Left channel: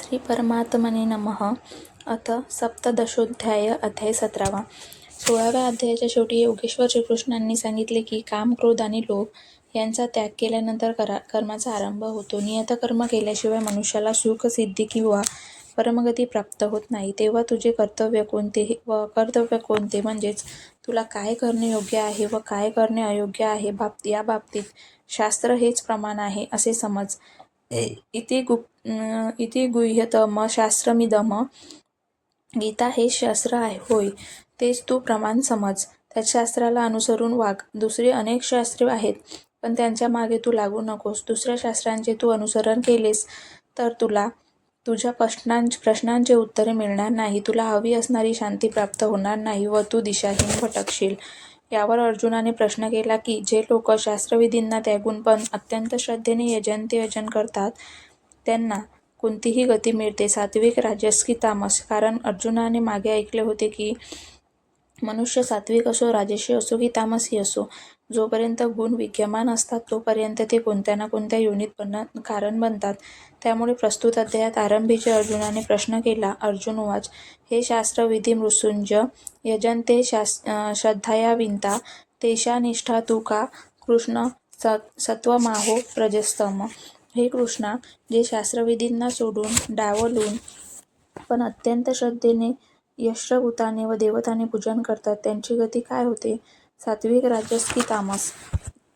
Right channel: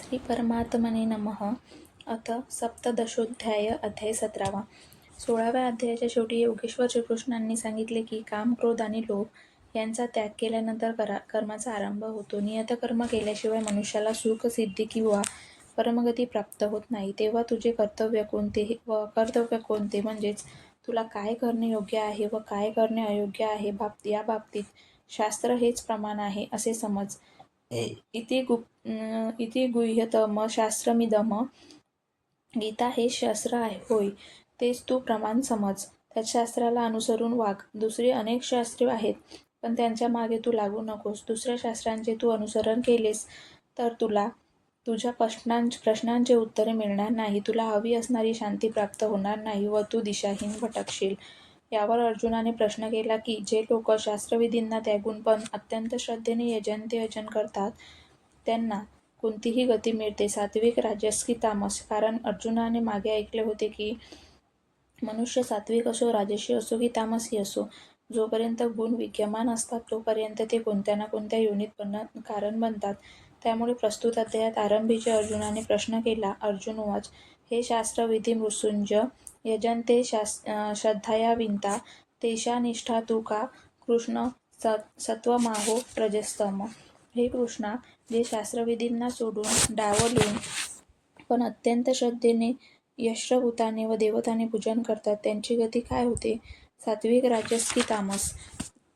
श्री परमात्मने नमः. अथ सप्तदशोध्याय. अध्याय 17. 16व्या अध्यायाच्या शेवटी योगेश्वर श्रीकृष्णांनी सांगितले की काम, क्रोध आणि लोभ यांचा त्याग केल्यानंतर कर्माचा आरंभ होतो. नियतकर्म केल्याशिवाय मनुष्याला सुख, सिद्धी किंवा परमगती प्राप्त होत नाही. तेव्हा तुझे कर्तव्य कोणते व अकर्तव्य कोणते, म्हणजेच तुला काय करणे योग्य आहे व काय करणे अयोग्य आहे, या बाबतीत शास्त्र हेच प्रमाण आहे असे समज. इति गुह्यतम शास्त्रमिदम. गीता हेच शास्त्र आहे होय, तेच तू प्रमाण समज. त्या शास्त्राला अनुसरून वाग. दुसरी अनेक शास्त्रे आहेत, पण त्यांच्या मागे तू लागू नकोस. दुसऱ्या शास्त्रांचे तू अनुसरण केलेस तर तुला तुझ्या प्रश्नांचे उत्तरे मिळणार नाही, तुला हवी असणारी शांती प्राप्त होणार नाही व तू दिशाहीन भटकशील. यावर अर्जुनाने प्रश्न केला की जे लोक शास्त्रविधींना त्यागून पण अत्यंत श्रद्धेने यजन करतात त्यांना कोणतीही गती मिळते, सात्विक, राजस की तामस? कारण अर्जुनाने मागे ऐकले होते की मनुष्य सात्विक असो, राजसी असो की तामसी असो, जोपर्यंत गुण विद्यमान असतात तोपर्यंत ते कोणत्या ना कोणत्या योनीत कारण बनतात. त्यामुळे प्रस्तुत अध्यायात आरंभीचे अर्जुनाने प्रश्न केला. अर्जुन उवाच, हे शास्त्र विधी मृत्युंज यजन्ते श्रद्धया विंता तेषा निष्ठा तू का कृष्ण सत्वमाहो प्रजस्तम. हे कृष्णा, जे शास्त्रविधींना सोडून डावलून पण अत्यंत श्रद्धेने यश्वभूताने व देवताने पूजन करतात त्यांची गती काय होते? सात्विक, राजस की तामस?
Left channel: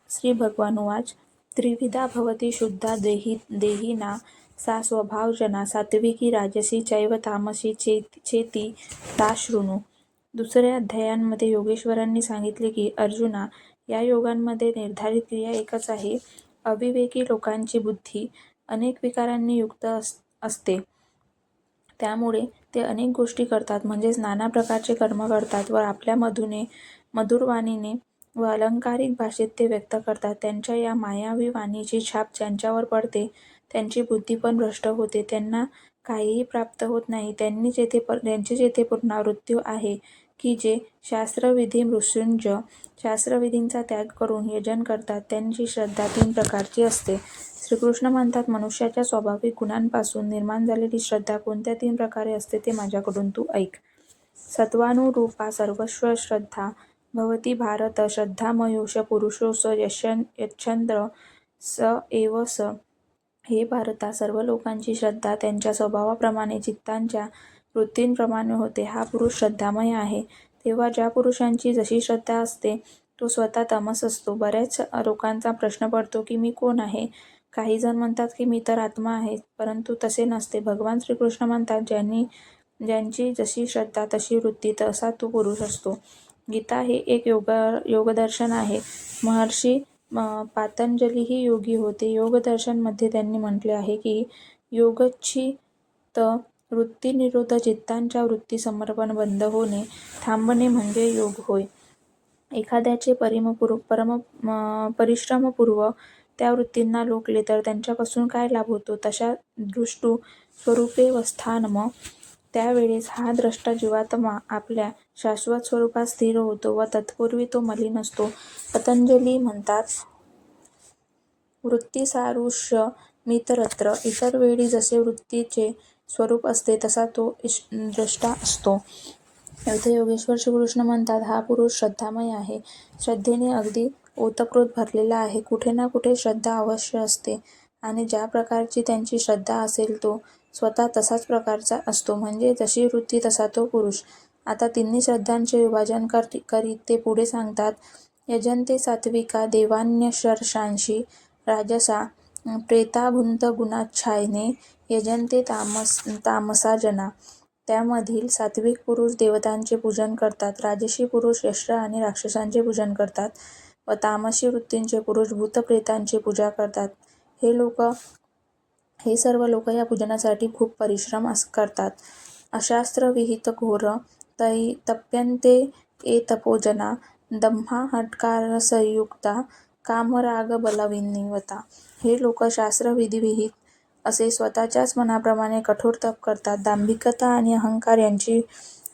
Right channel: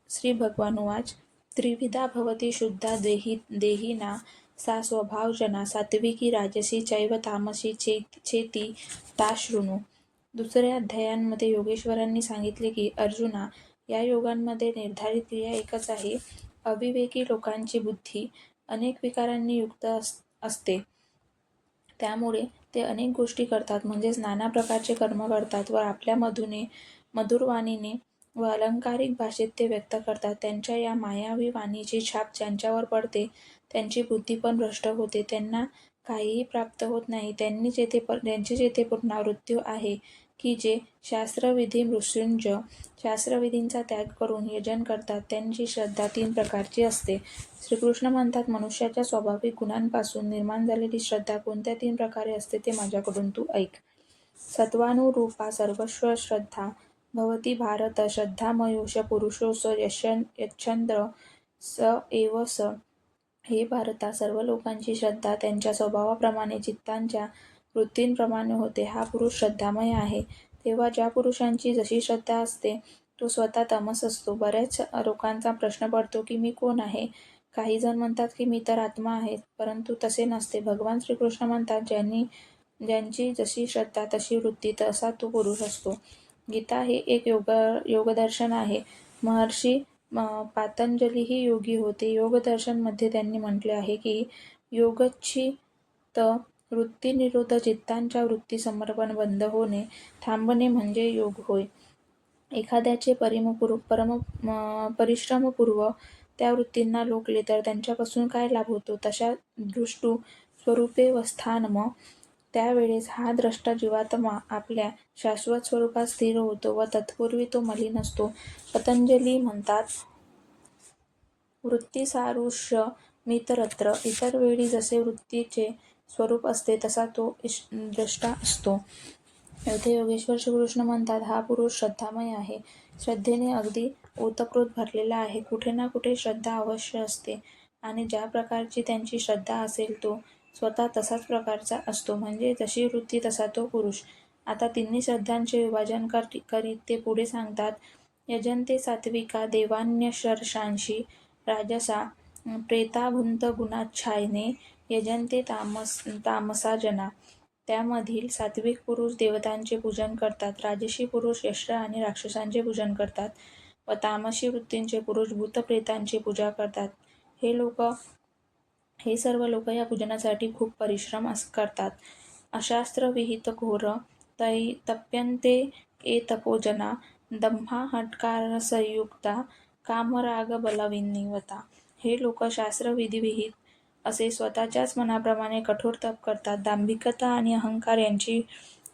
श्री भगवान उवाच, त्रिविधा भवती शुद्धा देहिना सा स्वभावजना सात्विकी, राजसी चैव तामसी चेती ता शृणु. दुसऱ्या अध्यायांमध्ये योगेश्वरांनी सांगितले की अर्जुना, या योगांमध्ये निर्धारित क्रिया एकच आहे. अविवेकी लोकांची बुद्धी अनेक विकारांनी युक्त असते, त्यामुळे ते अनेक गोष्टी करतात, म्हणजेच नाना प्रकारचे कर्म करतात व आपल्या मधुर वाणीने व अलंकारिक भाषेत ते व्यक्त करतात. त्यांच्या या मायावी वाणीची छाप ज्यांच्यावर पडते त्यांची बुद्धी पण भ्रष्ट होते, त्यांना काहीही प्राप्त होत नाही. त्यांची जेथे पुनरावृत्ती आहे की जे शास्त्रविधी मृत्युंज शास्त्रविधींचा त्याग करून यजन करतात त्यांची श्रद्धा 3 प्रकारची असते. श्रीकृष्ण म्हणतात, मनुष्याच्या स्वाभाविक गुणांपासून निर्माण झालेली श्रद्धा कोणत्या 3 प्रकारे असते ते माझ्याकडून तू ऐक. सत्वानुरूपा सर्वस्व श्रद्धा भवती भारत, श्रद्धामयोष पुरुषो स यच्छ्चंद्र स एव स. हे भारता, सर्व लोकांची श्रद्धा त्यांच्या स्वभावाप्रमाणे चित्तांच्या वृत्तींप्रमाणे होते. हा पुरुष श्रद्धामय आहे. तेव्हा ज्या पुरुषांची जशी श्रद्धा असते तो स्वतः तमस असतो. बऱ्याच लोकांचा प्रश्न पडतो की मी कोण आहे? काही जण म्हणतात की मी तर आत्मा आहे, परंतु तसे नसते. भगवान श्रीकृष्ण म्हणतात, ज्यांची जशी श्रद्धा तशी वृत्ती तसा तो पुरुष असतो. गीता हे एक योगदर्शन आहे. महर्षी पातंजलीही योगी होते. योगदर्शन मध्ये त्यांनी म्हटले आहे की योगच्छित वृत्ती निरोध, चित्तांच्या वृत्ती समर्पण, बंद होणे, थांबणे म्हणजे योग होय. एखाद्याचे परिश्रमपूर्वक त्या वृत्तींना रोखले तर त्यांच्यापासून काय लाभ होतो? तशा दृष्टू स्वरूपे वस्थानम. त्यावेळेस हा द्रष्टा जीवात्मा आपल्या शाश्वत स्वरूपात स्थिर होतो व तत्पूर्वी तो मलिन असतो. पतंजली म्हणतात, वृत्तीसारुष्यमितरत्र. इतर वेळी जसे वृत्तीचे स्वरूप असते तसा तो द्रष्टा असतो. येथे योगेश्वर श्रीकृष्ण म्हणतात, हा पुरुष श्रद्धामय आहे. श्रद्धेने अगदी ओतप्रोत भरलेला आहे. कुठे ना कुठे श्रद्धा अवश्य असते आणि ज्या प्रकारची त्यांची श्रद्धा असेल तो स्वतः तसाच प्रकारचा असतो, म्हणजे जशी वृत्ती तसा तो पुरुष. आता तिन्ही श्रद्धांचे विभाजन करीत ते पुढे सांगतात, यजन्ते सात्विका देवान्यशर्षांशी राजसा प्रेताभुंत गुणाच्छायने यजन्ते तामसा जना. त्यामधील सात्विक पुरुष देवतांचे पूजन करतात, राजसी पुरुष यक्ष आणि राक्षसांचे पूजन करतात व तामसी वृत्तींचे पुरुष भूतप्रेतांची पूजा करतात. हे सर्व लोक या पूजनासाठी खूप परिश्रम करतात. अशास्त्रविहित घोर तप्यन्ते ये तपोजना दंभाहंकारसंयुक्ता कामरागबलविनिवता. हे लोक शास्त्रविधिविहित असे स्वतःच्याच मनाप्रमाणे कठोर तप करतात. दांभिकता आणि अहंकार यांची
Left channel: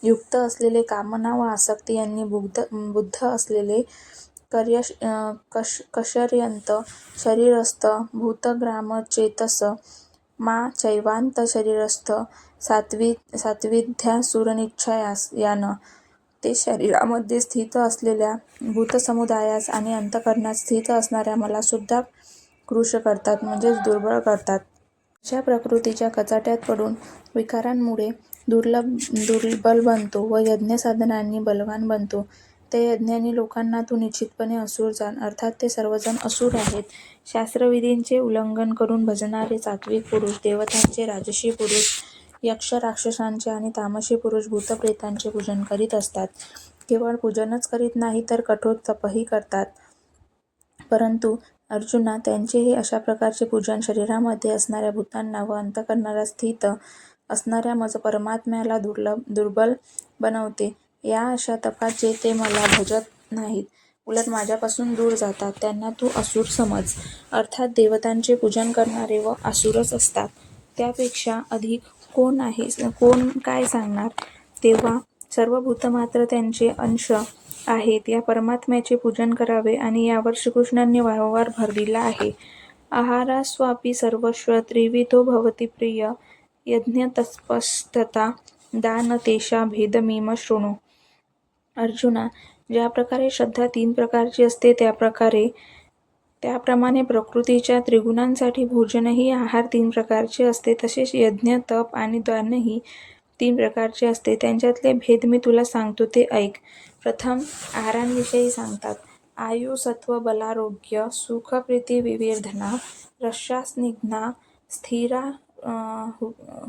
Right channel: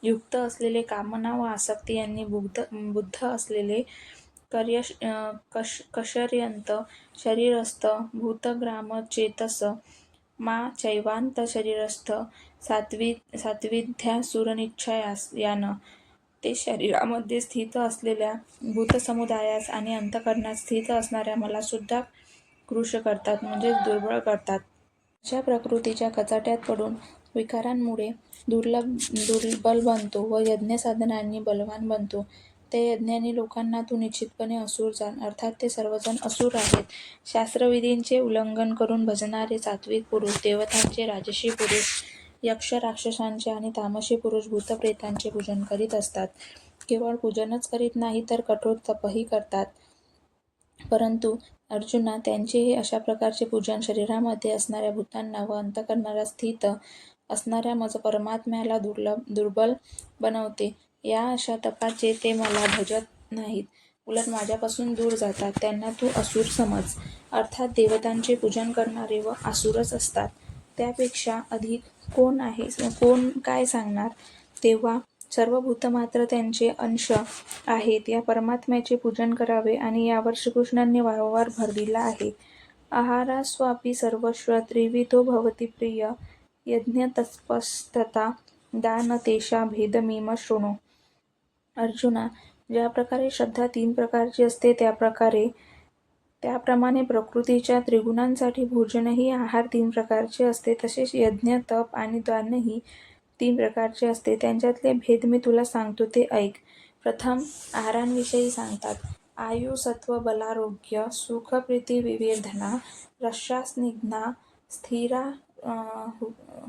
युक्त असलेले, कामना व आसक्ती यांनी बुद्ध असलेले, कषर्यंत शरीरस्थ भूतग्रामचेतस मा चैवांत शरीरस्थ सात्विध्यासुरनिच्छयानं ते शरीरामध्ये स्थित असलेल्या भूतसमुदायास आणि अंतःकरणात स्थित असणाऱ्या मला सुद्धा कृश करतात, म्हणजेच दुर्बळ करतात. अशा प्रकृतीच्या कचाट्यात पडून विकारांमुळे दुर्बल बनतो व यज्ञसाधनांनी बलवान बनतो. त्या यज्ञांनी लोकांना तू निश्चितपणे असुर जाण, अर्थात ते सर्वजण असुर आहेत. शास्त्रविधींचे उल्लंघन करून भजणारे सात्विक पुरुष देवतांचे, राजसी पुरुष यक्ष राक्षसांचे आणि तामसी पुरुष भूतप्रेतांचे पूजन करीत असतात. केवळ पूजनच करीत नाही तर कठोर तपही करतात. परंतु अर्जुना, त्यांचे हे अशा प्रकारचे पूजन शरीरामध्ये असणाऱ्या भूतांना व अंतःकरणात स्थित असणाऱ्या मज परमात्म्याला दुर्बल बनवते. या अशा तपाचे ते मला भजत नाहीत, उलट माझ्यापासून दूर जातात. त्यांना तू असुर समज, अर्थात देवतांचे पूजन करणारे व असुरच असतात. त्यापेक्षा अधिक कोण काय सांगणार? तेव्हा सर्व भूतमात्र त्यांचे अंश आहेत. या परमात्म्याचे पूजन करावे आणि यावर श्रीकृष्णांनी वारंवार भर दिला आहे. आहारास्वापि सर्वस्व त्रिविधो भवति प्रिय यज्ञतपस्तथा दानतेषा भेदमिम शृणु. अर्जुना, ज्या प्रकारे श्रद्धा 3 प्रकारची असते त्याप्रमाणे प्रकृतीच्या त्रिगुणांसाठी भोजनही आहार 3 प्रकारचे असते. तसेच यज्ञ, तप आणि दानही 3 प्रकारचे असते. त्यांच्यातले भेद मी तुला सांगतो ते ऐक. प्रथम आहारांविषयी सांगतात. आयु, सत्व, बलारोग्य, सुख, प्रीती, विवेधना, रस्सा, स्निग्धा, स्थिरा,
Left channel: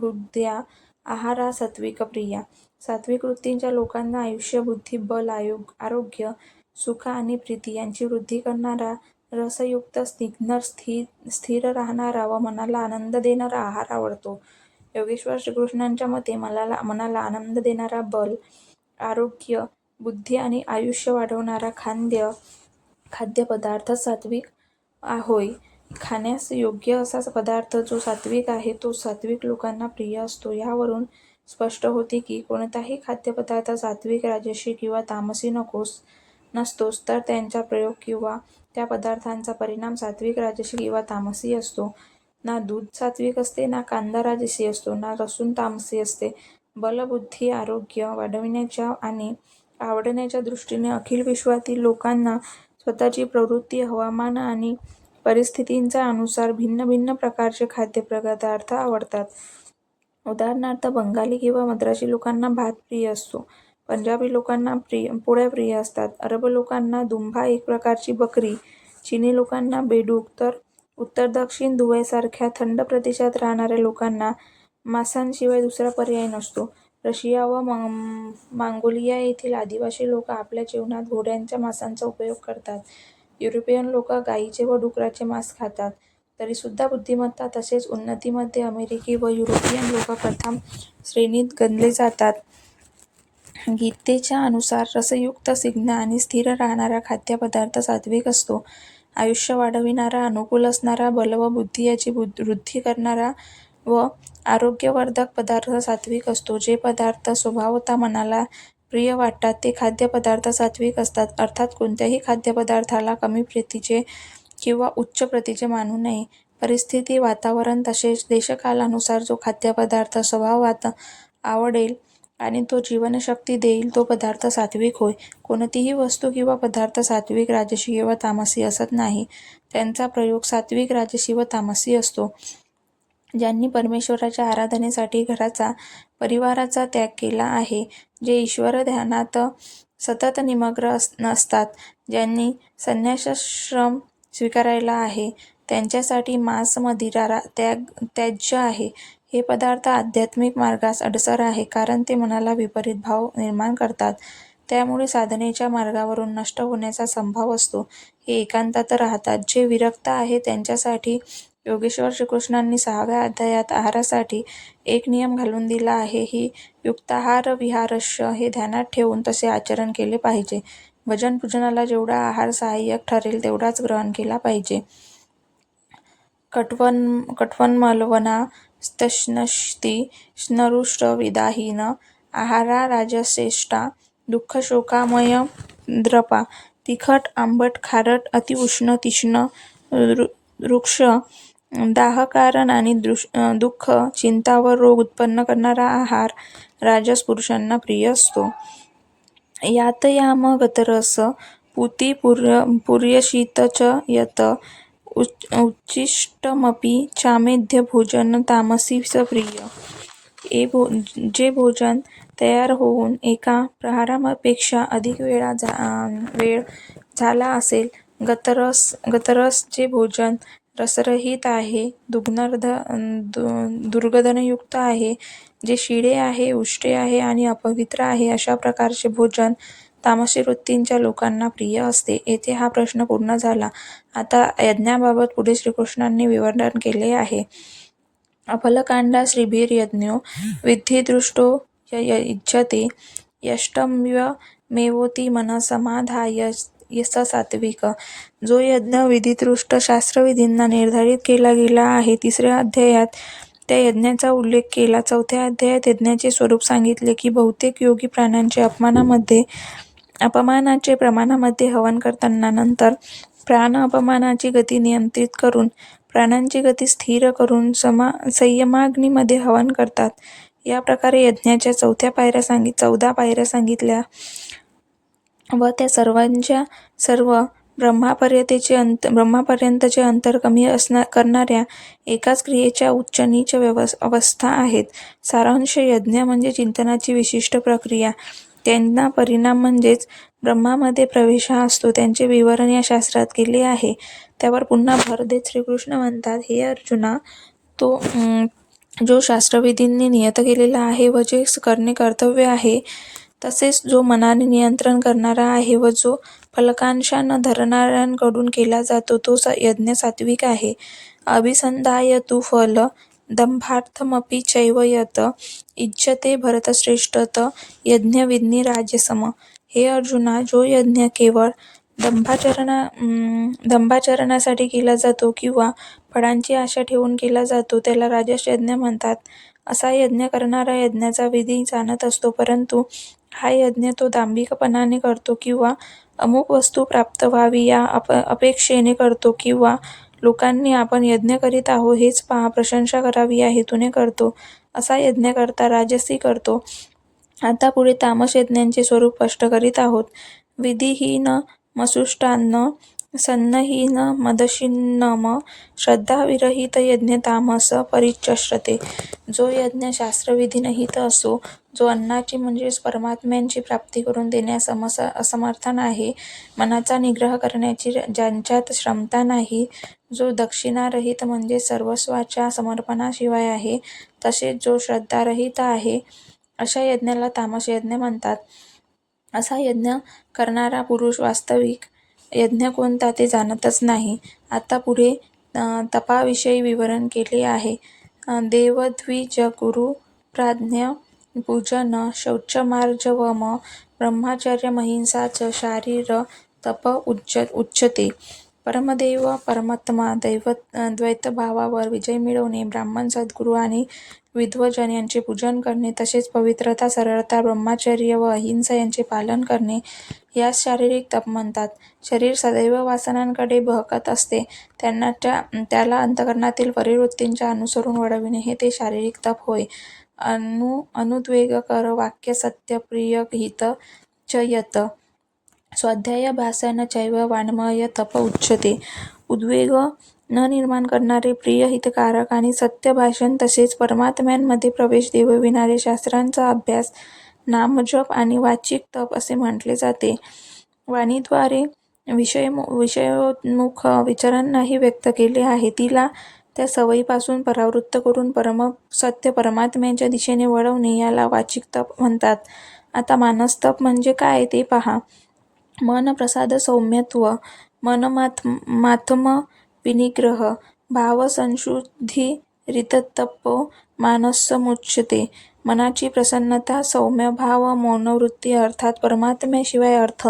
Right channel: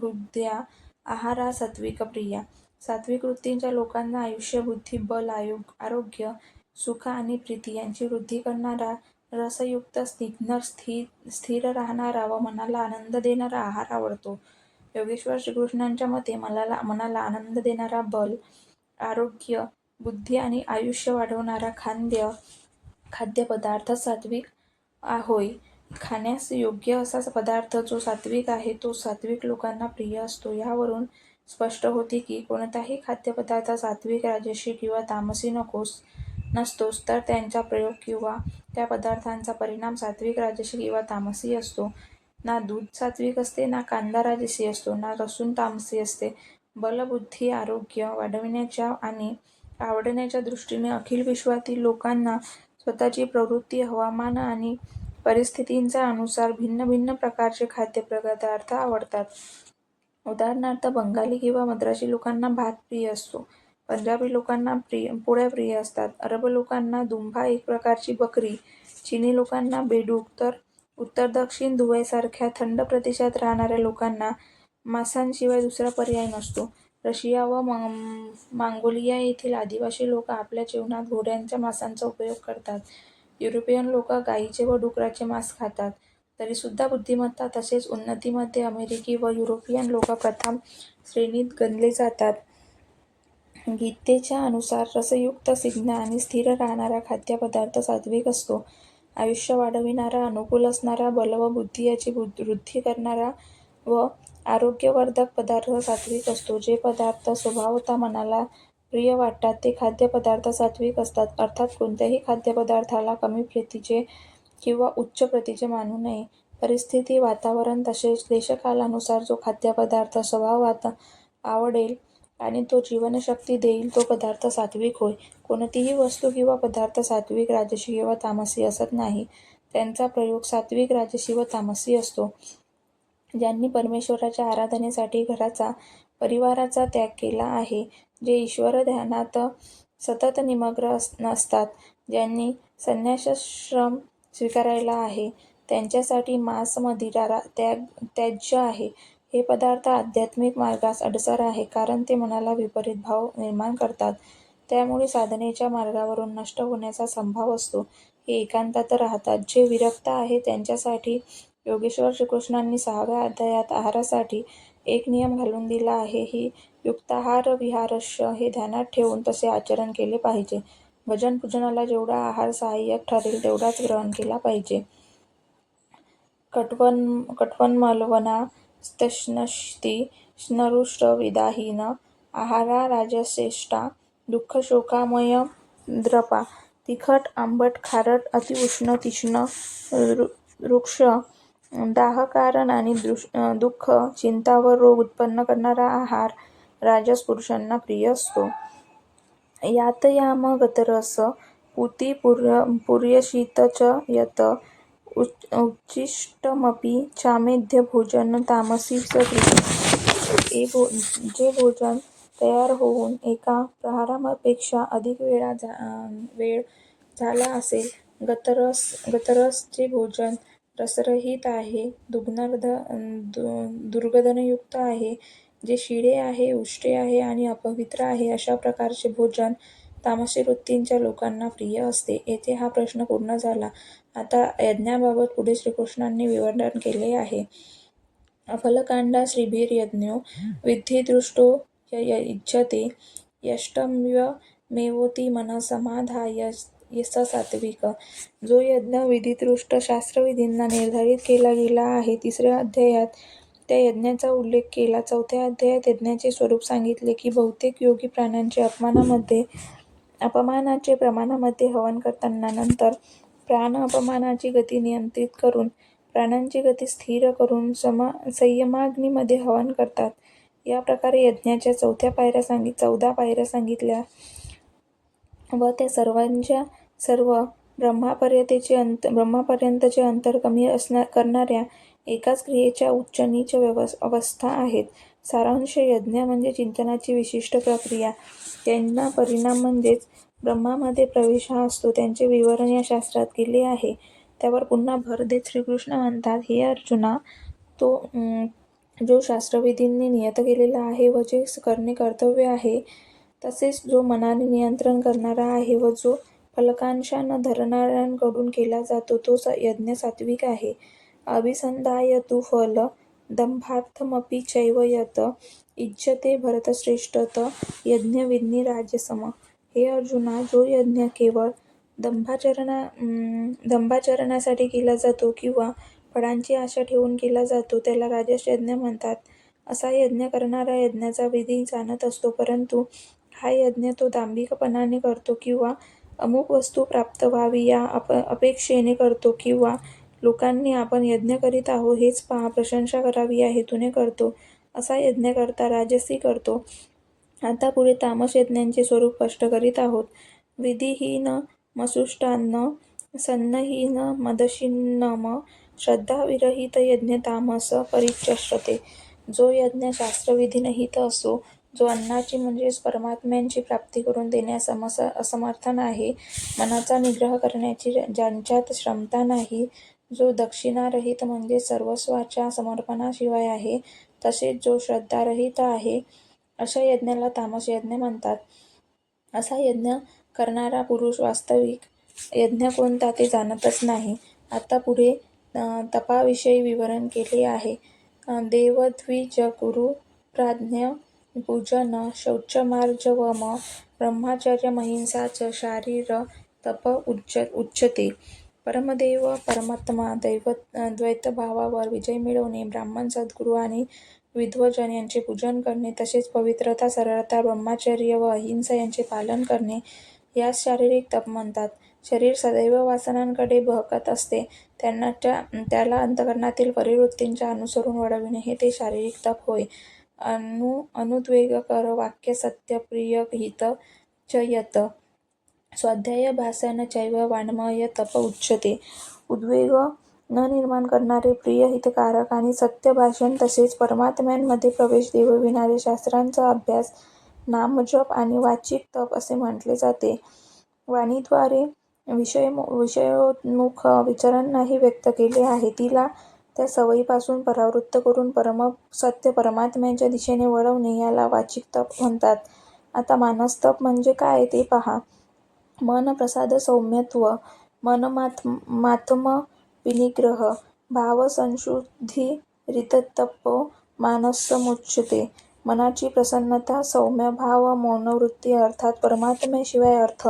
हृद्या आहारा सात्विक प्रिया. सात्विक वृत्तीच्या लोकांना आयुष्य, बुद्धी, बल, आरोग्य, सुख आणि प्रीती यांची वृद्धी करणारा, रसयुक्त, स्निग्ध, स्थिर राहणारा व मनाला आनंद देणारा आहार आवडतो. योगेश्वर श्रीकृष्णांच्या मते मनाला आनंद देणारा, बल, आरोग्य, बुद्धी आणि आयुष्य वाढवणारा खाद्यपदार्थ सात्विक होय. खाण्यास योग्य असा पदार्थ जो सात्विक आहे तो सात्विक लोकांना प्रिय असतो. यावरून स्पष्ट होते की कोणताही खाद्यपदार्थ सात्विक, राजसी किंवा तामसी नसतोच, तर त्यांचा प्रयोग किंवा त्या पदार्थांचा परिणाम सात्विक, राजसी किंवा तामसी असतो. ना दूध सात्विक असते, ना कांदा राजसी असतो, ना लसूण तामसी असते. बल, बुद्धी, आरोग्य वाढविण्याच्या आणि आवडण्याच्या दृष्टीने अखिल विश्वातील लोकांना स्वतःची प्रवृत्ती, हवामान आणि परिस्थितींचा अनुसार भिन्न भिन्न प्रकारचे खाद्यपदार्थ आवडतात. उदाहरणार्थ, बंगाली किंवा मद्रासी लोकांना भात प्रिय असतो, पंजाबी लोकांना पोळ्या प्रिय असतात, अरब लोकांना दुंबा एक प्रकारची बकरी, चिनी लोकांना बेडूक, तर उत्तर-दक्षिण दुबईसारख्या थंड प्रदेशात राहणाऱ्या लोकांना मांसाशिवाय दुसरा पर्याय नसतो. रशिया व मंगोलिया येथील आदिवासी लोक आपल्या जेवणात घोड्यांच्या मांसाचा उपयोग करतात. युरोपियन लोक गायीचे व डुकराचे मांस खातात. तरीसुद्धा बुद्धिमत्ता तसेच उन्नतीमध्ये अमेरिकी व युरोपियन लोक प्रथम श्रेणीत गणले जातात. गीतेच्या अनुसार रसयुक्त, स्निग्ध आणि स्थिर राहणारा खाद्यपदार्थ सात्विक असतो. आयुष्य वाढविणारा, अनुकूल असणारा, बल व बुद्धी याची वृद्धी करणारा व आरोग्यवर्धक पदार्थ सात्विक असतो. जे पदार्थ स्वभावतः मनाला प्रिय वाटतात ते खाद्यपदार्थ सात्विक असतात. अर्थात कोणत्याही खाद्यपदार्थाला कमी प्रतीचे किंवा उच्च प्रतीचे मानू नये. परिस्थिती, वातावरण तसेच देशकालानुसार जो खाद्यपदार्थ स्वभावात आवडेल आणि तो जीवनशक्ती देईल तो पदार्थ सात्विक होय. कोणतीही वस्तू किंवा पदार्थ सात्विक, राजसी किंवा तामसी असत नाही. त्यांचा प्रयोग सात्विक, राजसी व तामसी असतो. ज्यांनी परमेश्वराच्या आराधनेसाठी घराचा, परिवाराचा त्याग केला आहे, जे ईश्वर ध्यानात सतत निमग्न असतात, ज्यांनी संन्यासाश्रम स्वीकारला आहे, त्यांच्यासाठी मांस, मदिरा त्याज्य आहे. हे पदार्थ आध्यात्मिक मार्गास अडसर आहे, कारण ते मनाला विपरीत भाव निर्माण करतात. त्यामुळे साधनेच्या मार्गावरून नष्ट होण्याचा संभव असतो. हे एकांतात राहतात. जे विरक्त आहेत त्यांच्यासाठी योगेश्वर श्रीकृष्णांनी 6व्या अध्यायात आहारासाठी एक नियम घालून दिला आहे. ही युक्ताहार विहारश्च हे ध्यानात ठेवून तसे आचरण केले पाहिजे. भजन पूजनाला जेवढा आहार सहाय्यक ठरेल तेवढाच ग्रहण केला पाहिजे. कट्वन्मलवनास्तश्नष्टि स्नरुष्टविदाहीन आहारा राजश्रेष्ठा दुःखशोकामय द्रपा. तिखट, आंबट, खारट, अतिउष्ण, तीक्ष्ण, रुक्ष दाहकारण आणि दुःख, चिंता व रोग उत्पन्न करणारा आहार राजस पुरुषांना प्रिय असतो. यातयाम गतरस पूती पुर्यशीत च यत उच्छिष्टमपि चामेध्य भोजन तामसी सक्रिय. जे भोजन तयार होऊन एका प्रहरापेक्षा अधिक वेळ झाला असेल. गतरस जे भोजन रसरहित आहे, दुर्गंधयुक्त आहे, जे शिळे आहे, उष्टे आहे आणि अपवित्र आहे, अशा प्रकारचे भोजन तामसी वृत्तीच्या लोकांना प्रिय असते. येथे हा प्रश्न पूर्ण झाला. आता यज्ञाबाबत पुढे श्रीकृष्णांनी विवरण केले आहे. फलकांडा श्रीभिर्यज्ञो विधिदृष्टो युज्यते यष्टम्यमेवोति मनसमाधाय स सात्विक. जो यज्ञ विधिदृष्ट शास्त्रविधींना निर्धारित केला गेला आहे. 3ऱ्या अध्यायात त्या यज्ञाचा उल्लेख केला. 4थ्या अध्यायात यज्ञाचे स्वरूप सांगितले की बहुतेक योगी प्राण्यांचे अपमानाचे प्रमाणामध्ये हवन करताना नंतर प्राण अपमानाची गती नियंत्रित करून प्राणांची गती स्थिर करून संयमाग्नीमध्ये हवन करतात. या प्रकारे यज्ञाच्या 14 पायऱ्या सांगितल्या व त्या सर्वांच्या सर्व ब्रह्मापर्यंतचे अंतर कमी करणाऱ्या एकाच क्रियेच्या उच्च-नीच अवस्था आहेत. सारांश यज्ञ म्हणजे चिंतनाची विशिष्ट प्रक्रिया. त्यांना परिणाम म्हणजेच ब्रह्मामध्ये प्रवेश हा असतो. त्यांचे विवरण या शास्त्रात केले आहे. त्यावर पुन्हा भर देत श्रीकृष्ण म्हणतात, हे अर्जुना, तो जो शास्त्रविधींनी नियत केलेला आहे व जे करणे कर्तव्य आहे, तसेच जो मनाने नियंत्रण करणारा आहे व जो फलकांक्षा न धरणाऱ्यांकडून केला जातो, तो यज्ञ सात्विक आहे. अभिसंधाय तु फल दंभार्थमपि चैव यत इज्यते भरतश्रेष्ठ यज्ञविद्नी राजसम. हे अर्जुना, जो यज्ञ केवळ दंभाचरणासाठी केला जातो किंवा फळांची आशा ठेवून केला जातो, त्याला राजस यज्ञ म्हणतात. असा यज्ञ करणारा यज्ञाचा विधी जाणत असतो, परंतु हा यज्ञ तो दांभिकपणाने करतो किंवा अमुक वस्तू प्राप्त व्हावी या अपेक्षेने करतो किंवा लोकांनी आपण यज्ञ करीत आहो हेच पहा, प्रशंसा करावी या हेतूने करतो. असा यज्ञ करता राजसी करतो. आता पुढे तामस यज्ञांचे स्वरूप स्पष्ट करीत आहोत. विधिहीन मसुष्टान्न सन्नहीन मदशिन्नम श्रद्धाविरहित यज्ञ तामस परिचष्यते. जो यज्ञ शास्त्रविधीनहित असो, जो अन्नाची म्हणजेच परमात्म्याची प्राप्ती करून देण्यास असमर्थ आहे, मनाचा निग्रह करण्याची ज्यांच्यात क्षमता नाही, जो दक्षिणारहित म्हणजे सर्वस्वाच्या समर्पणाशिवाय आहे, तसेच जो श्रद्धारहित आहे, अशा यज्ञाला तामस यज्ञ म्हणतात. असा यज्ञ करणारा पुरुष वास्तविक यज्ञ कोणता ते जाणतच नाही. आता पुढे तपाविषयी विवरण केले आहे. देवद्विजगुरु प्राज्ञ पूजन शौचमार्जवम ब्रह्मचर्यमहिंसा च शारीर तप उच्यते. परमदेव परमात्मा द्वैतभावावर विजय मिळवणे, ब्राह्मण सद्गुरू आणि विद्वजन यांचे पूजन करणे, तसेच पवित्रता, सरळता, ब्रह्मचर्य व अहिंसा यांचे पालन करणे यास शारीरिक तप म्हणतात. शरीर सदैव वासनांकडे बहकत असते, त्याला अंतःकरणातील परिवृत्तींच्या अनुसरून वळविणे हे ते शारीरिक तप होय. अनुद्वेगकर वाक्य सत्य प्रिय हित च यत स्वाध्यायाभ्यासन चैव वाङ्मय तप उच्यते. उद्वेग न निर्माण करणारे, प्रिय हितकारक आणि सत्य भाषण तसेच परमात्म्यामध्ये प्रवेश देवविणारे शास्त्रांचा अभ्यास, नामजप आणि वाचिक तप असे म्हटले जाते. वाणीद्वारे विषयोन्मुख विचारांनाही व्यक्त केले आहे. तिला त्या सवयीपासून परावृत्त करून सत्य परमात्म्याच्या दिशेने वळवणे याला वाचिक तप म्हणतात. आता मानसतप म्हणजे काय ते पहा. मन प्रसाद सौम्यत्व, मनमात्म विनिग्रह, भावसंशुद्धिरितप्तो मानसमुच्यते. मनाची प्रसन्नता, सौम्य भाव, मौनवृत्ती अर्थात परमात्म्याशिवाय अर्थ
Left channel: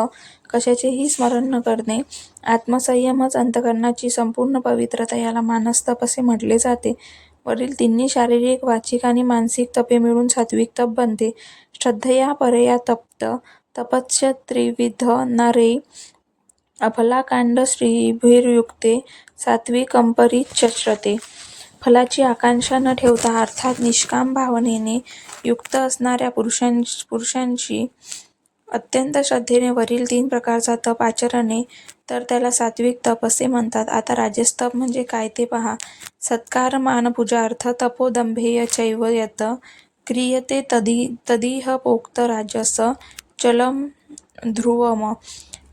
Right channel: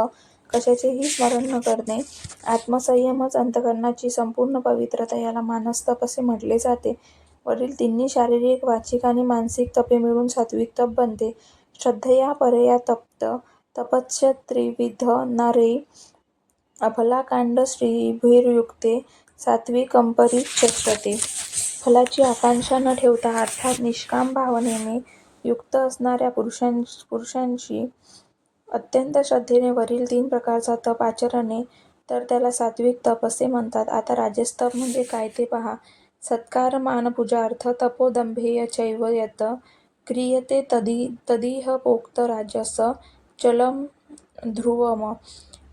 कशाचेही स्मरण न करणे, आत्मसंयमच अंतःकरणाची संपूर्ण पवित्रता याला मानसतप असे म्हटले जाते. वरील तिन्ही शारीरिक, वाचिक आणि मानसिक तपे मिळून सात्विक तप बनते. श्रद्धया परया तप्त तपश्च त्रिविध नरे अफलाकांड श्रीभिर्युक्ते सात्विकंपरिचक्षते. फलाची आकांक्षा न ठेवता अर्थात निष्काम भावनेने युक्त असणाऱ्या पुरुषांची अत्यंत श्रद्धेने वरील 3 प्रकारचा तप आचरणे तर त्याला सात्विक तप असे म्हणतात. आता राजस तप म्हणजे काय ते पहा. सत्कार मान पूजा अर्थ तपोदंभेय चैव यत क्रियते तदिह पोक्त राजस चलम ध्रुवम.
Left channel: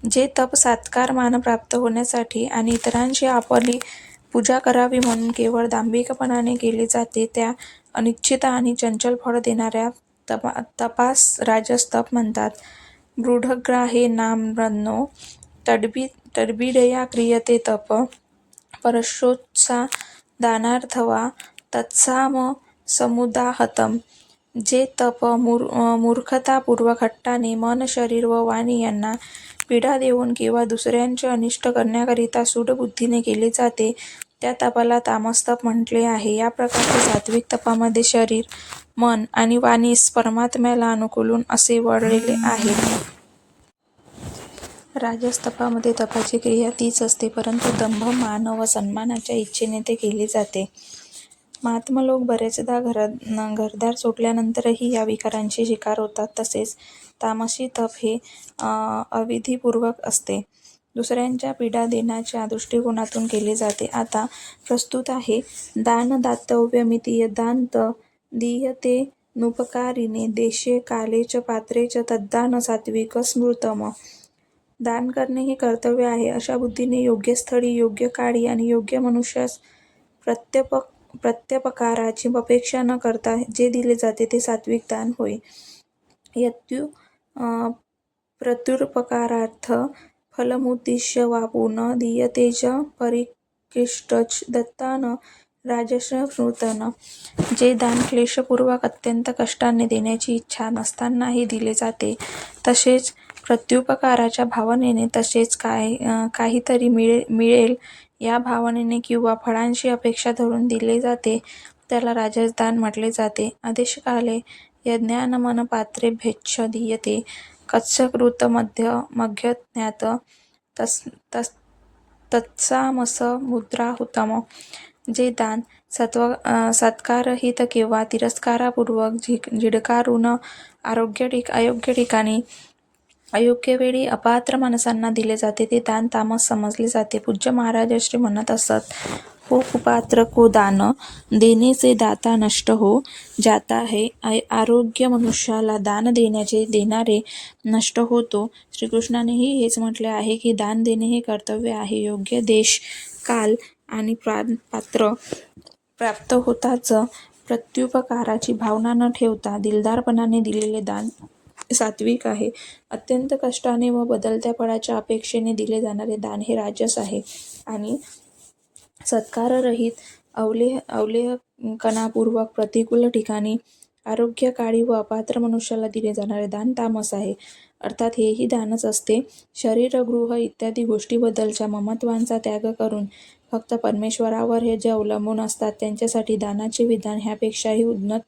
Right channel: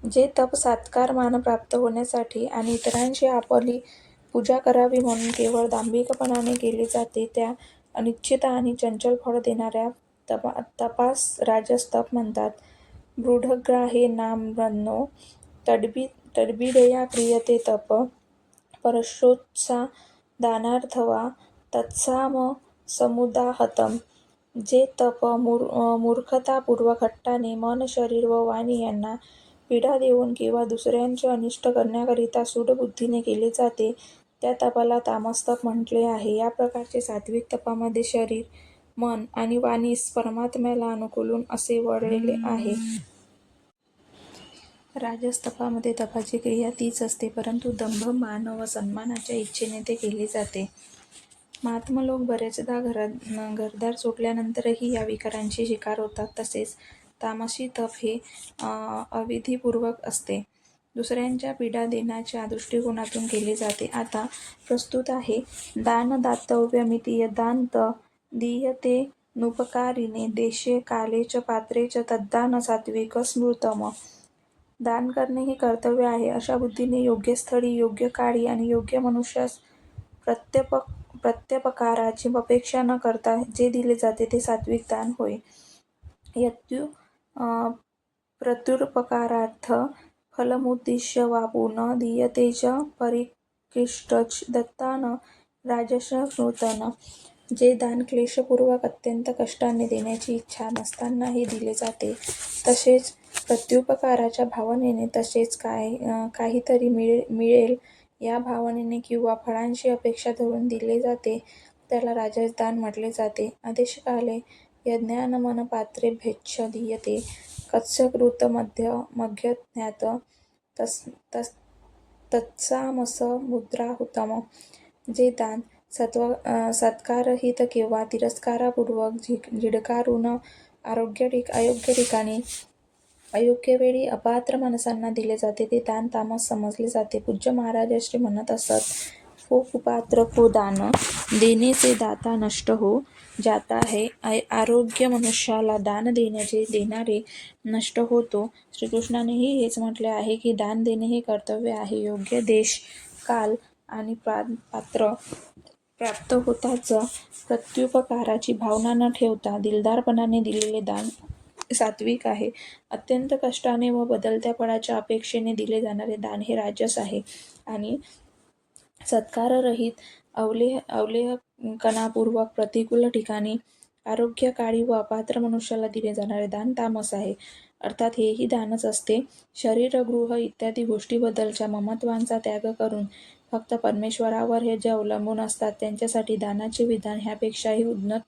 जे तप सत्कार मान प्राप्त होण्यासाठी आणि इतरांची आपली पूजा करावी म्हणून केवळ दांभिकपणाने केले जाते त्या अनिश्चित आणि चंचल फळ देणाऱ्या तपास राजस तप म्हणतात. मृढग्राहे नाम्नो तद्बीडया क्रियते तप परशोत्सा दानार्थवा तत्साम समुदाहतम. जे तप मूर्खतापूर्वक हट्टाने मन शरीर व वाणी यांना पीडा देऊन किंवा दुसऱ्यांचे अनिष्ट करण्याकरिता सूडबुद्धीने केले जाते त्या तपाला तामसतप म्हटले आहे. या प्रकारच्या सात्विक तपामध्ये शरीर मन आणि वाणीस परमात्म्याला अनुकूल असे वळलेले आहे. राजस तपामध्ये तपाची क्रिया तीच असते परंतु दंभ मान व सन्मानाच्या इच्छेने ते केले जाते. महात्मा लोक बरेचदा घरदार सुटल्यानंतरही या विकारांची शिकार होतात. तसेच तामसी तप हे अविधीपूर्वक असते. दुसऱ्यांच्या पीडा देण्याच्या दृष्टिकोनातून केले जाते. आता प्रस्तुत आहे दान दातव्यमिति यद्दान दीयते नुपकारिणे देशे काले च पात्रे च तद्दान सात्विक स्मृतम. दान करणे हे कर्तव्य आहे अशा बुद्धीने योग्य स्थळी योग्य काळी आणि योग्य मनुष्यास प्रत्युपकाराची अपेक्षा न करता जे दिले जाते ते सात्विक दान होय. यत्तु प्रत्युपकारार्थ फलमुद्दिश्य वा पुनः दीयते च परिकिष्टच दत्तान राजसस्मृतन. जे दान क्लेशपूर्वक अत्यंत कष्टाने देण्याची इच्छा नसतानाही दिले जाते तसेच प्रत्युपकाराच्या भावनेने तसेच काहीतरी मिळेल या भावनेने किंवा फळांची अपेक्षा धरून दिले जाते त्याला राजस दान म्हटले जाते. आदेशकाले यज्ञानमन पात्रेभ्यश्च दीयते कत्सकृत मध्यज्ञात तत्सामस मुद्राहुतम. जे दान सत्काररहित किंवा तिरस्कारापूर्वक झिडकारून अयोग्य ठिकाणी अयोग्य वेळी अपात्र माणसांना दिले जाते ते दान तामस समजले जाते. पूज्य महाराज श्री म्हणत असत, हो कुपात्र को दान देने से दाता नष्ट हो जाता है. आरोग्य मनुष्याला दान देणारे नष्ट होतो. श्रीकृष्णानेही हेच म्हटले आहे की दान देणे हे कर्तव्य आहे. योग्य देश काल आणि पात्र प्राप्त होताच प्रत्युपकाराची भावना न ठेवता दिलदारपणाने दिलेले दान सात्विक आहे. अत्यंत कष्टाने व बदलत्या फळाच्या अपेक्षेने दिले जाणारे दान हे राजस आहे आणि सत्काररहित अवलेहपणापूर्वक प्रतिकूल ठिकाणी आरोग्यकाळी व अपात्र मनुष्याला दिले जाणारे दान तामस आहे. अर्थात हेही दानच असते. शरीर गृह इत्यादी गोष्टीबद्दलच्या ममत्वांचा त्याग करून फक्त परमेश्वरावर हे जे अवलंबून असतात त्यांच्यासाठी दानाचे विधान ह्यापेक्षाही उन्नत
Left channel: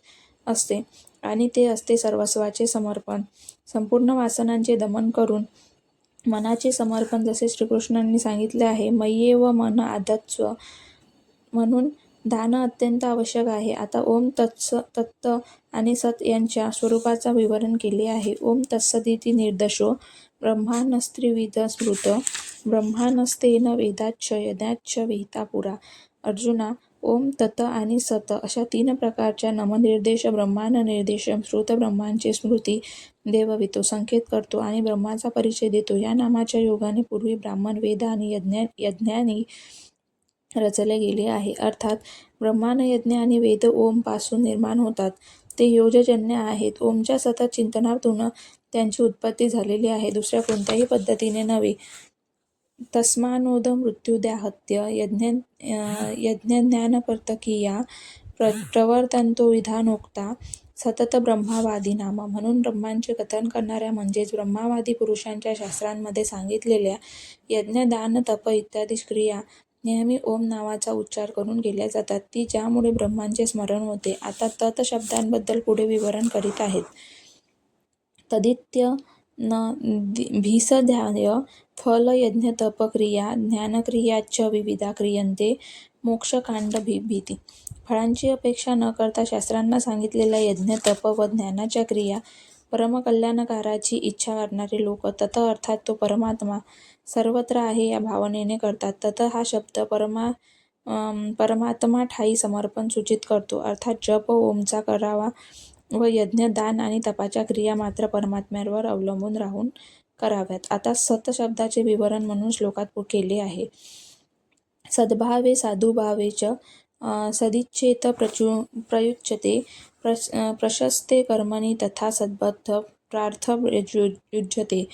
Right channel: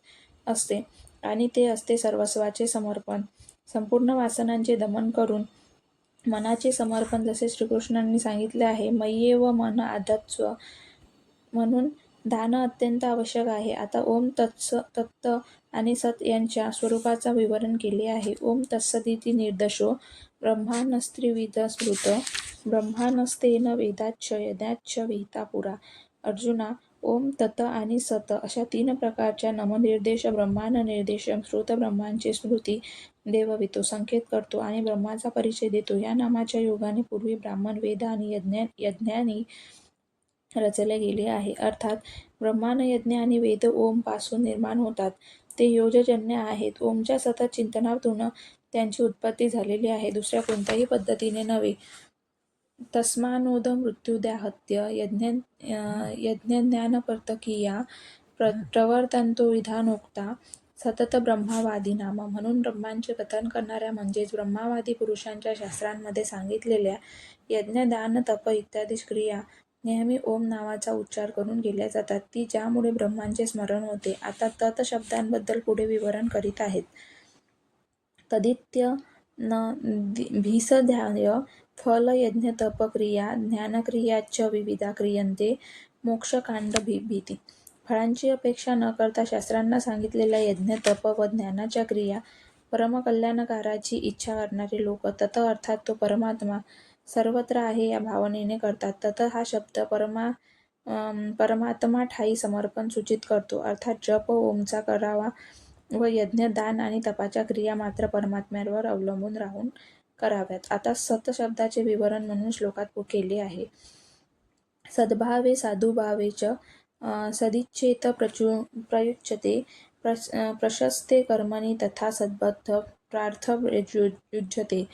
असते आणि ते असते सर्वस्वाचे समर्पण. संपूर्ण वासनांचे दमन करून मनाचे समर्पण जसे श्रीकृष्णांनी सांगितले आहे. मय्येव मन आधत्स्व म्हणून दान अत्यंत आवश्यक आहे. आता ओम तत्त आणि सत यांच्या स्वरूपाचा विवरण केले आहे. ओम तत्सदिति निर्देशो ब्रह्माण्डस्त्रिविध स्मृत ब्रह्माण्डस्तेन वेदाच्च यज्ञाच्च विहिता पुरा. अर्जुना, ओम तत् आणि सत अशा 3 प्रकारच्या नामनिर्देश ब्रह्मांड निर्देश श्रुत ब्रह्मांची स्मृती देववितो संकेत करतो आणि ब्रह्माचा परिचय देतो. या नामाच्या योगाने पूर्वी ब्राह्मण वेद आणि यज्ञांनी रचले गेले आहे. अर्थात ब्रह्मांड यज्ञ आणि वेद ओम पासून निर्माण होतात. ते योजजन्य आहेत. ओमच्या सतत चिंतनातून त्यांची उत्पत्ती झालेली आहे. दुसऱ्या कोणत्याही पद्धतीने नव्हे. तस्मानोद मृत्युदाहत्य यज्ञज्ञानपर्तकीया प्रवर्तन्तो विधानोक्ता सतत ब्रह्मवादी नाम. म्हणून ब्रह्मांचे कथन करणाऱ्या म्हणजेच ब्रह्मवादी पुरुषांच्या शास्त्रांमध्ये सांगितलेल्या यज्ञ दान तप इत्यादी क्रिया नेहमी ओम नावाचा उच्चार करून केल्या जातात की ज्यामुळे ब्रह्मांचे स्मरण होते. आता तत् शब्दांबद्दल पुढे विवरण करीत आहेत. तदित्य न भीषध्याय फल यज्ञ तप क्रिया ज्ञानक्रियाच विविधा क्रियन्ते मोक्षकांड भीती. फळांची अपेक्षा न करता शास्त्रांना सांगितलेल्या यज्ञ तप व ज्ञानाच्या क्रिया परमकल्याणकाराची इच्छा करणारे लोक तत अर्थात तो परमात्मा सर्वत्र आहे या भावनेने करतात. तत हा शब्द परमात्मा ठाई समर्पण सूचित करतो. अर्थात जप ओमचा करावा व यज्ञ दान आणि तपाच्या क्रिया मात्र परमात्म्यावर अवलंबून राहून कराव्यात. आता सत शब्दाचे विवरण म्हणून श्लोकात केले आहे. सद्भावे साधुभावे च सदिच्छेत प्रयुच्यते प्रशस्ते कर्मणी तथा सद्बद्ध प्रार्थ युज्यते.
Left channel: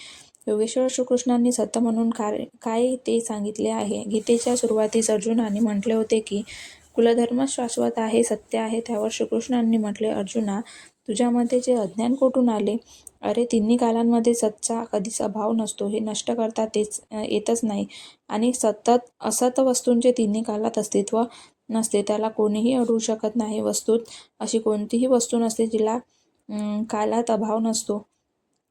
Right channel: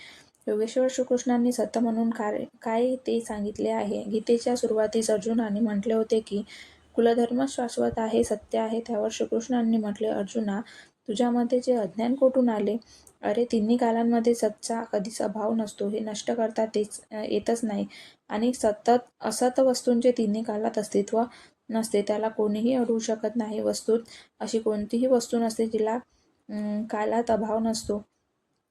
योगेश्वर श्रीकृष्णांनी सत म्हणून काय ते सांगितले आहे. गीतेच्या सुरुवातीस अर्जुनाने म्हटले होते की कुलधर्म शाश्वत आहे, सत्य आहे. त्यावर श्रीकृष्णांनी म्हटले, अर्जुना, तुझ्यामध्ये जे अज्ञान कोठून आले? अरे, तिन्ही कालांमध्ये सतचा कधीच अभाव नसतो, हे नष्ट करता येतच नाही. आणि सतत असत वस्तूंचे तिन्ही कालात अस्तित्व नसते, त्याला कोणीही अडवू शकत नाही. वस्तूत अशी कोणतीही वस्तू नसते जिला कालात अभाव नसतो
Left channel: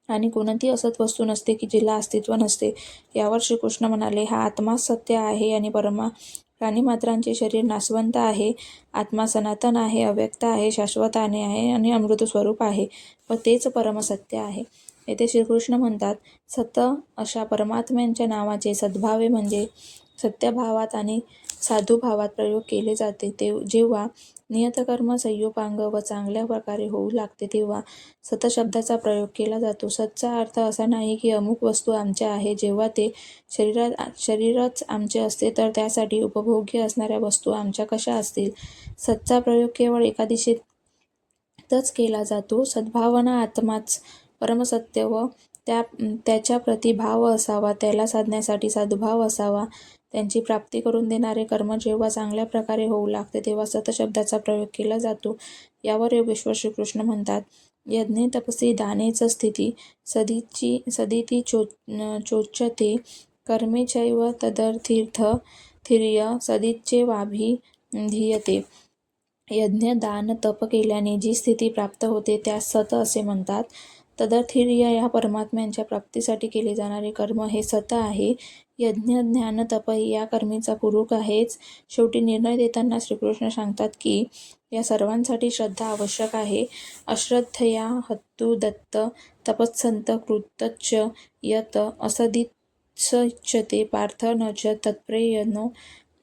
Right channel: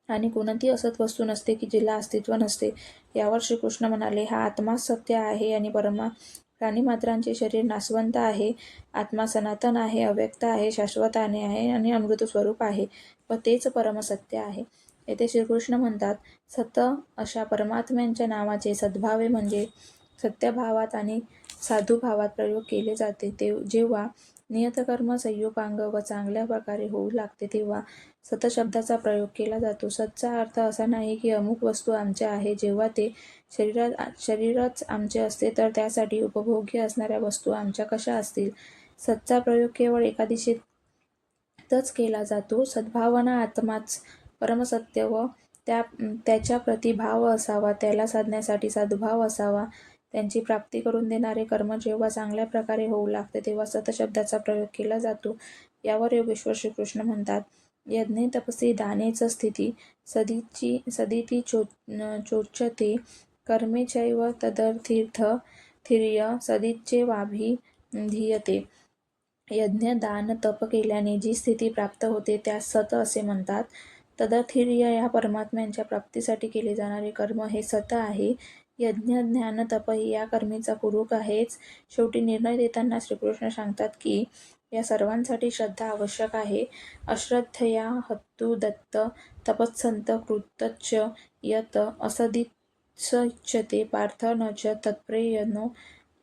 आणि कोणतीही असत वस्तू नसते की जिला अस्तित्व नसते. यावर श्रीकृष्ण म्हणाले, हा आत्माच सत्य आहे आणि प्राणीमात्रांचे शरीर नाशवंत आहे. आत्मा सनातन आहे, अव्यक्त आहे, शाश्वत आहे आणि अमृत स्वरूप आहे व तेच परमसत्य आहे. येथे श्रीकृष्ण म्हणतात, सत अशा परमात्म्यांच्या नावाचे सद्भावे म्हणजे सत्यभावात आणि साधुभावात प्रयोग केले जाते. जेव्हा नियतकर्म संयोगांग व चांगल्या प्रकारे होऊ लागते तेव्हा सत शब्दाचा प्रयोग केला जातो. सतचा अर्थ असा नाही की अमुक वस्तू आमच्या आहे. जेव्हा ते शरीरच आमचे असते तर त्यासाठी उपभोग्य असणाऱ्या वस्तू आमच्या कशा असतील. सतचा प्रयोग केवळ एका दिशेतच केला जातो. सद्भावना आत्माच परमसत्य व त्याच्या प्रति भाव असावा, त्याला साधण्यासाठी सद्भाव असावा. त्यांची प्राप्ती करून देणारे कर्म जेव्हा चांगल्या प्रकारे होऊ लागते तेव्हा सत शब्दाचा प्रयोग केला जातो. यावर योगेश्वर श्रीकृष्ण म्हणतात, यज्ञे तपसी दानेच स्थिती सदिती चोच्यते कर्मे चैव तदर्थीर्य सदिच्छेवाभिधीयते. यज्ञ दान तप केल्याने जी स्थिती प्राप्त होते त्यास सत असे म्हणतात. तदर्थीर्य या परमात्म्यांच्या प्राप्तीसाठी केले जाणारे कर्म हे सत आहे. यज्ञ ज्ञान तप ही या कर्मीचा पूरक आहेच. शेवटी निर्णय देताना श्रीकृष्ण सांगतात की या सर्वांसाठी श्रद्धा आवश्यक आहे. अश्रद्धया हत्तु दत्त तपस्संत कृतच्च यत असदिच्छते पार्थ न च तत्प्रयोजनो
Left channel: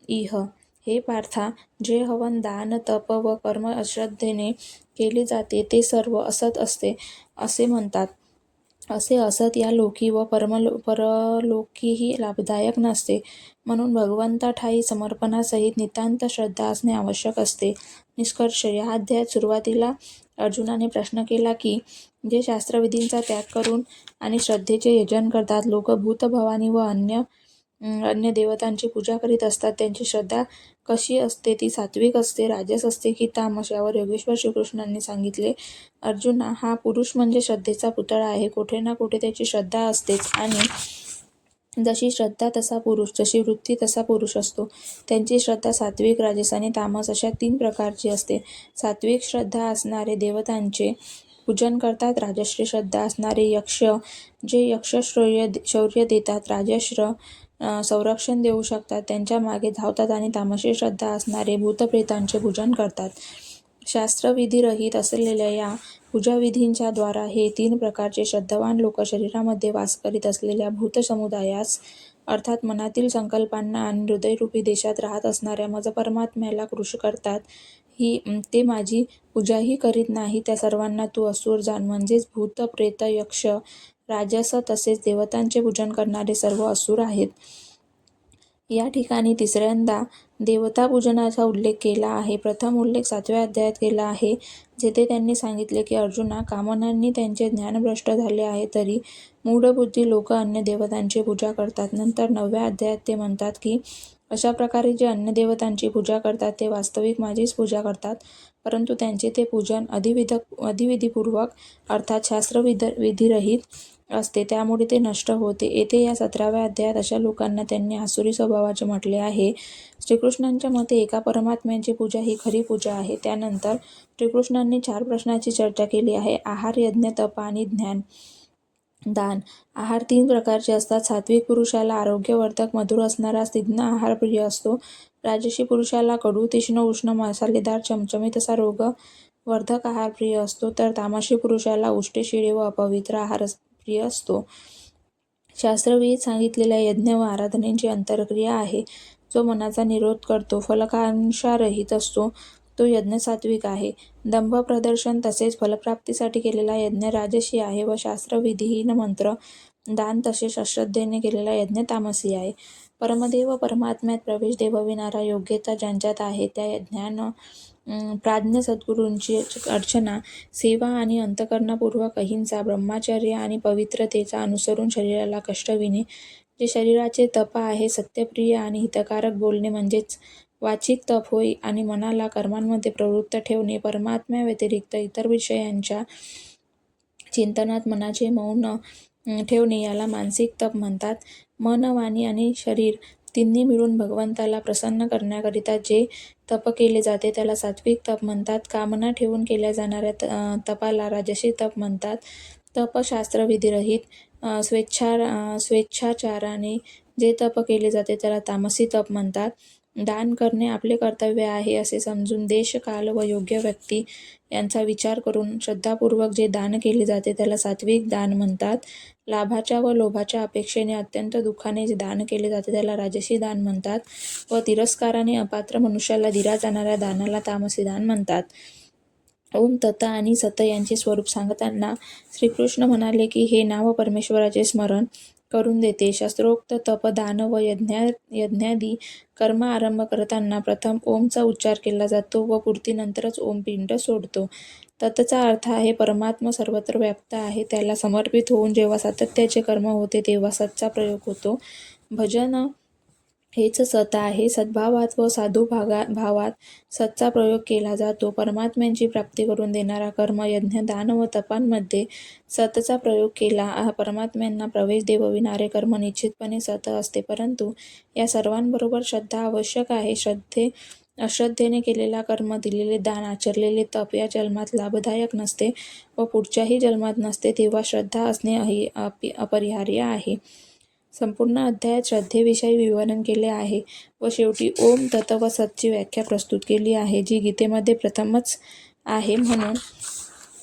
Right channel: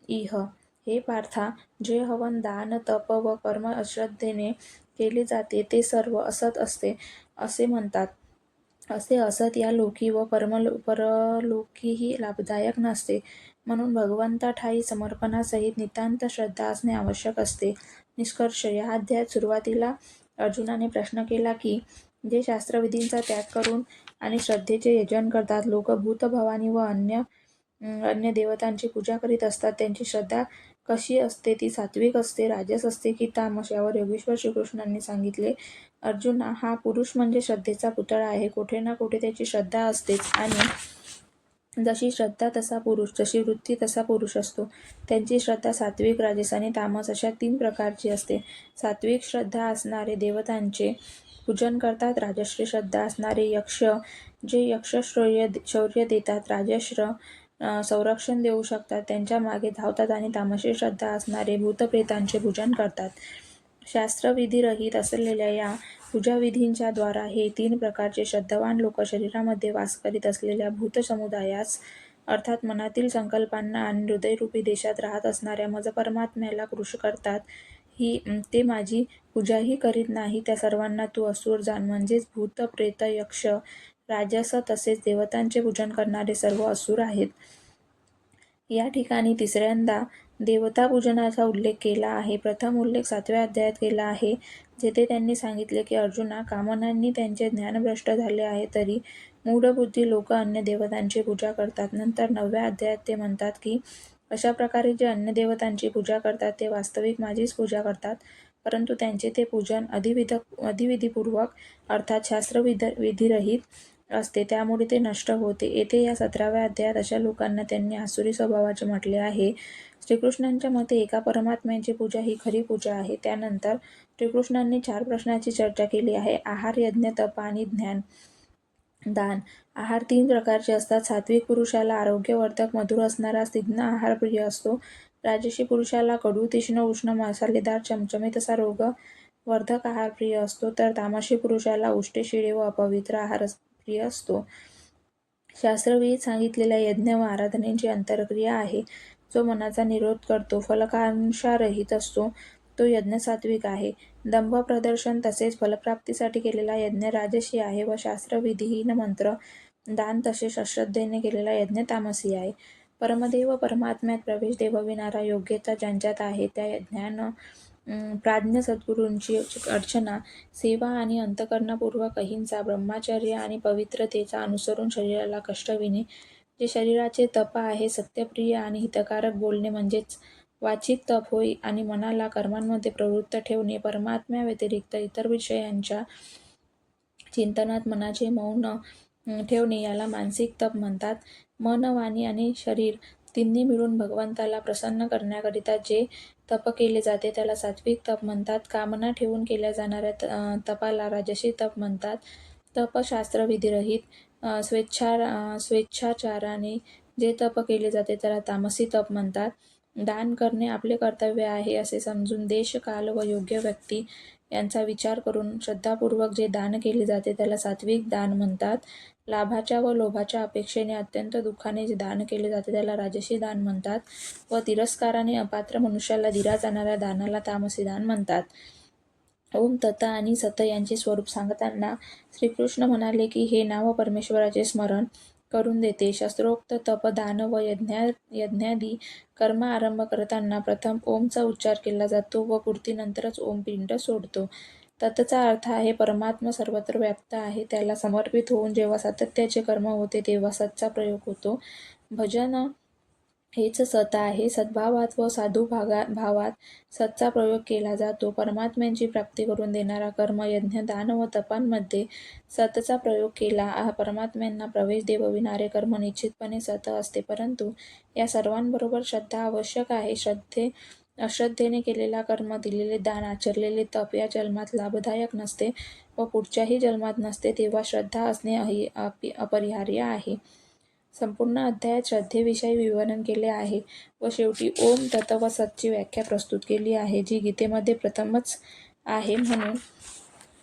इह. हे पार्था, जे हवन दान तप व कर्म अश्रद्धेने केले जाते ते सर्व असत असते असे म्हणतात. असे असत या लोकी व परलोकीही लाभदायक नसते. म्हणून भगवंताठायी समर्पणासहित नितांत श्रद्धा असणे आवश्यक असते. निष्कर्ष, या अध्यायात सुरुवातीला अर्जुनाने प्रश्न केला की जे शास्त्रविधींचा त्याग करून आणि श्रद्धेचे यजन करतात, लोक भूत भवानी व अन्य देवतांची पूजा करीत असतात, त्यांची श्रद्धा कशी असते? ती सात्विक असते, राजस असते की तामस? यावर योगेश्वर श्रीकृष्णांनी सांगितले, अर्जुना, हा पुरुष म्हणजे श्रद्धेचा पुतळा आहे. कुठे ना कुठे त्याची श्रद्धा असतेच आणि जशी श्रद्धा तसा पुरुष, जशी वृत्ती तसा पुरुष असतो. त्यांची श्रद्धा सात्विक, राजस आणि तामस अशा 3 प्रकारची असते. सात्विक श्रद्धा असणारे देवतांचे पूजन करतात. राजश्री श्रद्धा असणारे यक्ष, जे शौर्य देतात, राजश्र संरक्षण देऊ शकतात, त्यांच्या मागे धावतात आणि तामसी श्रद्धा असणारे भूतप्रेतांचे पूजन करतात. शास्त्रविधिरहित असलेल्या या पूजाविधींच्या द्वारा हे 3 प्रकारचे श्रद्धावान लोक शरीरामध्ये वास करीत असलेल्या भूत समुदायास अर्थात मनातील संकल्पांना आणि हृदयरूपी देशात राहत असणाऱ्या मज परमात्म्याला कृश करतात. ते माझी पूजाही करीत नाही. त्या सर्वांना तू असुर जाण. म्हणजेच भूत प्रेत यक्ष राजस तसेच देवतांचे पूजन करणारे सर्व असुर आहेत. या ठिकाणी तिसऱ्यांदा देवता पूजनाचा उल्लेख केला आहे. प्रथम उल्लेख 7व्या अध्यायात केला आहे, जेथे त्यांनी सांगितले की अर्जुना, कामनांनी त्यांचे ज्ञान भ्रष्ट झाले आहे तरी मूढबुद्धी लोक अन्य देवतांची पूजा करतात. नंतर 9व्या अध्यायात ते म्हणतात की अशा प्रकारे जे अन्य देवतांची पूजा करतात ते वास्तविक माझीच पूजा करतात, परंतु त्यांचे ते पूजन अधिविधीपूर्वक अर्थात शास्त्रविधिरहित असते, त्यामुळे ते नष्ट होते. येथे या 17व्या अध्यायात अशा लोकांना त्यांनी आसुरी स्वभावाचे म्हटले आहे. श्रीकृष्णांच्या मते एका परमात्म्याची पूजा ही खरी पूजा आहे. त्यानंतर श्रीकृष्णांनी 4 प्रश्नांची चर्चा केली आहे. आहार, यज्ञ, तप आणि ज्ञान. दान. आहार 3 प्रकारचे असतात. सात्विक पुरुषाला आरोग्यवर्धक मधुर असणारा स्निग्ध आहार प्रिय असतो. राजसी पुरुषाला कडू, तीक्ष्ण, उष्ण, मसालेदार, चमचमीत असा रोगवर्धक आहार प्रिय असतो. तर तामसी पुरुषाला उष्टे, शिळे व अपवित्र आहार प्रिय असतो. शास्त्रविहित सांगितलेल्या यज्ञ व आराधनेची अंतरक्रिया आहे, जो मनाचा निरोध करतो, फलाकांक्षारहित असतो, तो यज्ञ सात्विक आहे. दंभ प्रदर्शन तसेच फलप्राप्तीसाठी केलेला यज्ञ राजसी आहे व शास्त्रविधीहीन मंत्र, दान तसेच अश्रद्धेने केलेला यज्ञ तामसी आहे. परमदेव परमात्म्यात प्रवेश देवविणारा योग्यता ज्यांच्यात आहे त्या यज्ञानं प्राज्ञ सद्गुरूंची अर्चना, सेवा आणि अंतःकरणपूर्वक अहिंसा, ब्रह्मचर्य आणि पवित्रतेचा अनुसरून शरीराला कष्ट विणे, जे शरीराचे तप आहे, सत्यप्रिय आणि हितकारक बोलणे म्हणजेच वाचिक तप होय आणि मनाला कर्मांमध्ये प्रवृत्त ठेवणे, परमात्म्याव्यतिरिक्त इतर विषयांच्या चिंतनात मनाचे मौन ठेवणे याला मानसिक तप म्हणतात. मन, वाणी आणि शरीर तिन्ही मिळून भगवंताला प्रसन्न करण्याकरिता जे तप केले जाते त्याला सात्विक तप म्हणतात. कामना ठेवून केल्या जाणाऱ्या तपाला राजसी तप म्हणतात. तप शास्त्रविधिरहित स्वेच्छाचाराने जे तप केले जाते त्याला तामसी तप म्हणतात. दान करणे आपले कर्तव्य आहे असे समजून देश, काल व योग्य व्यक्ती यांचा विचार करून श्रद्धापूर्वक जे दान केले जाते त्याला सात्विक दान म्हणतात. लाभाच्या व लोभाच्या अपेक्षेने अत्यंत दुःखाने जे दान केले जाते त्याला राजसी दान म्हणतात व तिरस्काराने अपात्र मनुष्याला दिल्या जाणाऱ्या दानाला तामसी दान म्हणतात. ओम तत आणि सत यांचे स्वरूप सांगताना श्रीकृष्ण म्हणाले की हे नाव परमेश्वराचे स्मरण करून देते. शास्त्रोक्त तप, दान व यज्ञादी कर्म आरंभ करताना प्रथम ओमचा उच्चार केला जातो व पूर्तीनंतरच ओम पिंड सोडतो. ततचा अर्थ आहे परमात्मा सर्वत्र व्याप्त आहे, त्याला समर्पित होऊन जेव्हा सातत्याचे कर्म होते तेव्हा सतचा प्रयोग होतो. भजन हेच सत आहे. सद्भावात व साधू भावात सतचा प्रयोग केला जातो. परमात्म्याची प्राप्ती करून देणारा कर्म, यज्ञ, दान व तपांमध्ये सतचा प्रयोग केला. परमात्म्यांना प्रवेश देवविणारे कर्म निश्चितपणे सत असते, परंतु या सर्वांबरोबर श्रद्धा आवश्यक आहे. अश्रद्धेने केलेला कर्म, दिलेले दान, आचरलेले तप या जन्मात लाभदायक नसते व पुढच्याही जन्मात नसते, तेव्हा श्रद्धा असणे अपरिहार्य आहे. संपूर्ण अध्यायात श्रद्धेविषयी विवरण केले आहे व शेवटी ओम तत व सतची व्याख्या प्रस्तुत केली आहे, जी गीतेमध्ये प्रथमच आहे. म्हणून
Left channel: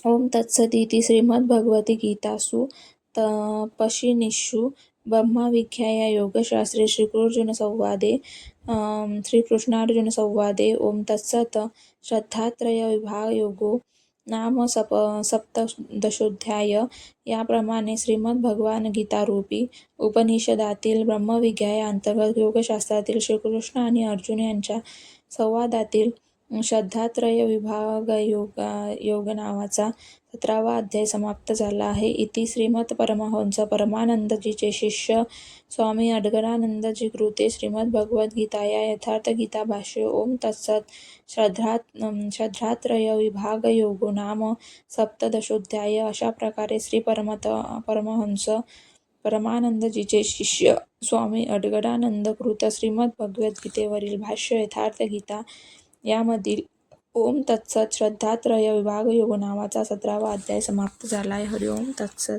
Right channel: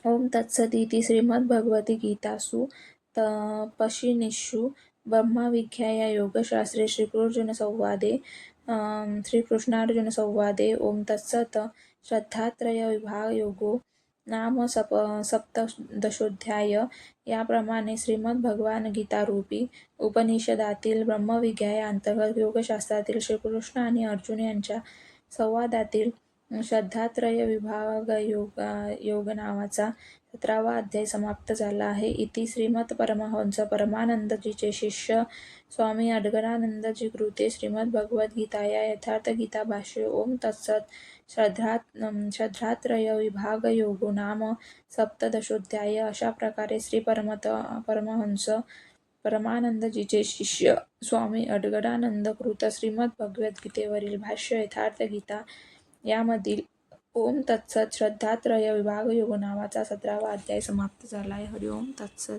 ओम तत्सदिति श्रीमद्भगवद्गीतासु तपशिनीषु ब्रह्मविद्याया योगशास्त्रे श्रीकृष्णार्जुनसंवादे ओम तत्सत श्रद्धात्रयविभागयोगो नाम सप्तदशोऽध्याय. याप्रमाणे श्रीमद्भगवद्गीतारूपी उपनिषदातील ब्रह्मविद्या अंतर्गत योगशास्त्रातील श्रीकृष्ण आणि अर्जुन यांच्या संवादातील श्रद्धात्रय विभागयोग नावाचा 17वा अध्याय समाप्त झाला आहे. इति श्रीमत् परमहंस परमानंदजीचे शिष्य स्वामी अडगडानंदजी कृते श्रीमद्भगवद्गीताया यथार्थगीता भाष्य. ओम तत्सत. श्रद्धात्रय विभागयोगो नाम सप्तदशोऽध्याय. अशा प्रकारे श्री परमहंस परमानंदजीचे शिष्य स्वामी अडगडानंदकृत श्रीमद्भगवद्गीतेवरील भाष्य यथार्थगीता यामधील ओम तत्सत श्रद्धात्रय विभागयोग नावाचा 17वा अध्याय समाप्त झाला आहे. हरि ओम तत्सत.